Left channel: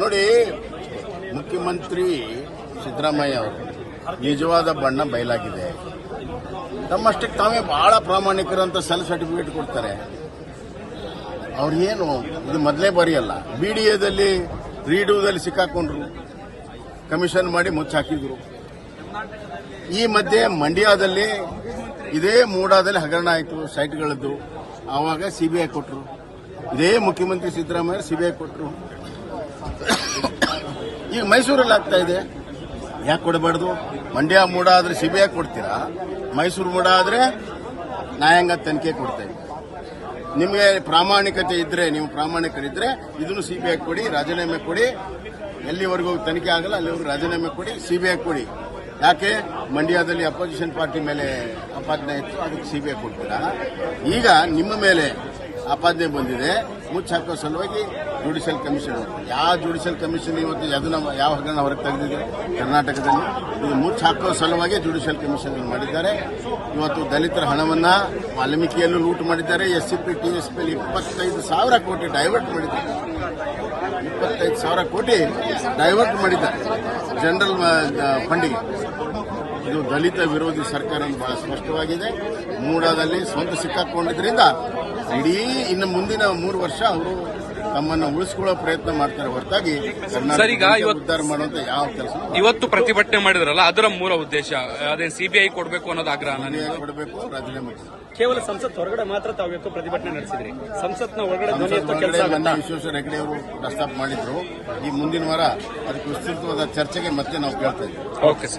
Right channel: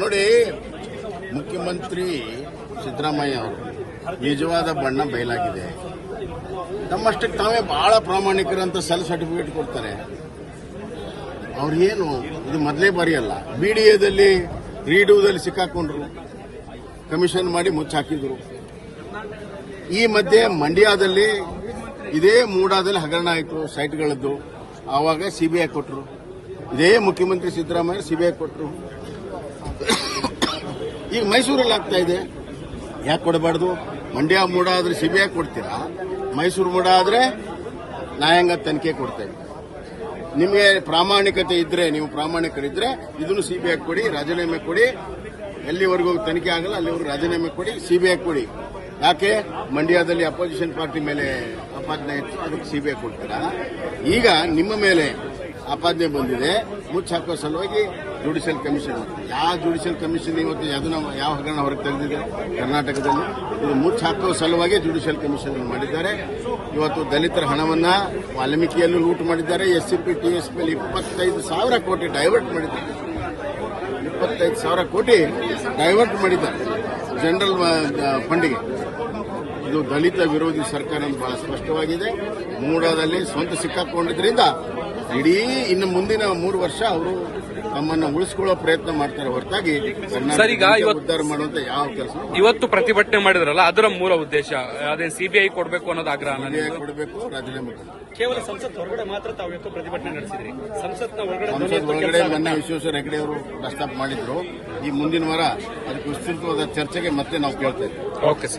ನೋಡಿ, ಮುಖ್ಯಮಂತ್ರಿ ಸಿದ್ದರಾಮಯ್ಯ ಅವರು ನಿಜವಾದ ಬಣ್ಣ ಬಯಲಾಗಿದೆ. ನಮ್ಮಷ್ಟಕ್ಕೆ ತಾವೇ ಬಹಳ ಪ್ರಾಮಾಣಿಕರಂತ ಸೆಲ್ಫ್ ಸರ್ಟಿಫಿಕೇಟ್ ಕೊಡ್ತಾರೆ. ಅವ್ರೇನು ಇದು ಮೊದಲೇ ಬಾರಿಯಲ್ಲ. ಬಿಡಿಎದಲ್ಲಿ ರೀಡೂದಲ್ಲಿ ಸಿಕ್ಕಾಕೊಂಡ್ರು, ಕಮಿಷನ್ ಮಾಡಿ ಮುಚ್ಚಾಕಿದ್ರು. ಈ ಮಧ್ಯೆ ಮಂಡ್ಯದಲ್ಲಿ ಇದೇ ಮೂಡಾದಲ್ಲಿ ಹಗರಣ ಆಯಿತು ಸೈಟ್ಗಳದ್ದು. ಆವಾಗ ಸಿಬಿಐ ಕೊಟ್ಟರು. ಇದೇ ಮುಖ್ಯಮಂತ್ರಿ ಸಿದ್ದರಾಮಯ್ಯ ಸಿಬಿಐ ಕೊಟ್ಟರು. ಈಗ ಮೈಸೂರಲ್ಲಿ ಆಗ್ತಾ ಇದೆ. ಯಾಕೆ ಕೊಡಬಾರ್ದು? ಮಂಡ್ಯ ಮೂಡ ಆದ್ರೆ ಸಿಬಿಐ ಕೊಡ್ತೀರಾ, ಮೈಸೂರು ಮೂಡ ಆದ್ರೆ ನ್ಯಾಯಾಂಗ ತನಿಖೆ ಕೊಡ್ತೇವೆ. ನಿಮಗೆ ಪ್ರಾಮಾಣಿಕತೆ ಇದ್ರೆ, ನೀವು ಪ್ರಾಮಾಣಿಕರಿದ್ರೆ ಇದನ್ನು ಸಿಬಿಐ ಕೊಡಿ, ರಾಜೀನಾಮೆ ಕೊಡಿ. ಎಲ್ಲಿವರೆಗೂ ತನಿಖೆ ಆಗಲ್ಲ ಅಲ್ಲಿವರೆಗೂ ರಾಜೀನಾಮೆ ಕೊಡಿ, ಸಿಬಿಐ ಕೊಡಿ. ಯಾಕೆ ಮಂಡ್ಯದಲ್ಲಿ ಅಪೋಸಿಷನ್ ಪಾರ್ಟಿ ಮೇಲೆ ಆಪಾದನೆ ಇತ್ತು, ಅದಕ್ಕೆ ಸಿಬಿಐ ಕೊಡ್ತೀರಾ? ಈಗ ನಿಮ್ಮ ಮೇಲೆ ಆಪಾದನೆ ಬಂದಿದೆ, ಮುಚ್ಚಾಕುವ ಸಲುವಾಗಿ ಜುಡಿಷಿಯಲ್ ಕಮಿಷನ್. ಯಾವ ಜುಡಿಷಿಯಲ್ ಕಮಿಷನ್ ಇವತ್ತು ಯಾವ ಹಗರಣ ಹೊರಗೆ ತೆಗೆದಿದೆ ಕರ್ನಾಟಕದಲ್ಲಿ? ಇದು ಮುಚ್ಚಾಕುವ ಸಲುವಾಗಿ ಜುಡಿಷಿಯಲ್ ಕಮಿಷನ್ ಮಾಡಿದ್ದಾರೆ. ಇವತ್ತು ದಲಿತರ ಹಣವನ್ನ ವಾಲ್ಮೀಕಿಯಲ್ಲೂ ಲೂಟ್ ಮಾಡಿದ್ದಾರೆ. ಎಸ್ಸಿಪಿ ಟಿಎಸ್ಪಿಯಲ್ಲಿ 25,000 ಕೋಟಿ ಡೈವರ್ಟ್ ಮಾಡಿದ್ದಾರೆ. 25,000 ಕೋಟಿ ಡೈವರ್ಟ್ ಮಾಡಿದ್ದಾರೆ ಜನರಲ್ ಫಂಡಿಗೆ. ಇದು ದಲಿತ ವಿರೋಧಿ ಸರ್ಕಾರ ಬಹಳ ಸ್ಪಷ್ಟವಾಗಿದೆ. ಮೂಡಾದಲ್ಲಿ ಸ್ವಂತ ಸಿಕ್ಕಾಕೊಂಡಿದ್ರಿಂದ ಇಡೀ ಇನ್ನು ಮುಂದಿನ 3 ವರ್ಷ ಅವರು ತಮ್ಮನ್ನು ಉಳಿಸಿಕೊಳ್ಳೋ ಪ್ರಯತ್ನ ಮಾಡ್ತಾರೆ ಹೊರತಾಗಿ ಉದ್ಧಾರ ಮಾಡುವಂತ ಯಾವ ಕೆಲಸ. ಇವತ್ತು ಪ್ರತಿಭಟನೆ ಮಾಡಿದ್ರಲ್ಲ, ಅದರ ಮೂಲ ಉದ್ದೇಶ ಅದೇ ಸಿಬಿಐ ಕೊಡಬೇಕು ಅನ್ನೋದು ಆಗ್ರಹ. ಕೊಡಬೇಕು, ರಾಜೀನಾಮೆ ಕೇವಲ ಸಂಸತ್ ಹೊರಗಡೆ ಮಾತ್ರ ತಾವು ಇವತ್ತು ಪ್ರತಿಭಟನೆ ನಡೆಸಿದ್ರಿ. ಸಂಸತ್ ಒಳಗಡೆ ಮೊನ್ನೆ ವಿಶ್ವೇಶ್ವರ ಹೆಗಡೆ ಅವರು ಪ್ರಸ್ತಾಪ ಮಾಡಿದ್ರು. ಈ ಮುಂದಿನ ವಾರ ಅದಕ್ಕೆ ವಿಸ್ತೃತವಾದ ಚರ್ಚೆಗೆ ಮತ್ತೆ ನಾವು ಕೇಳ್ತೇವೆ. ಓಕೆ.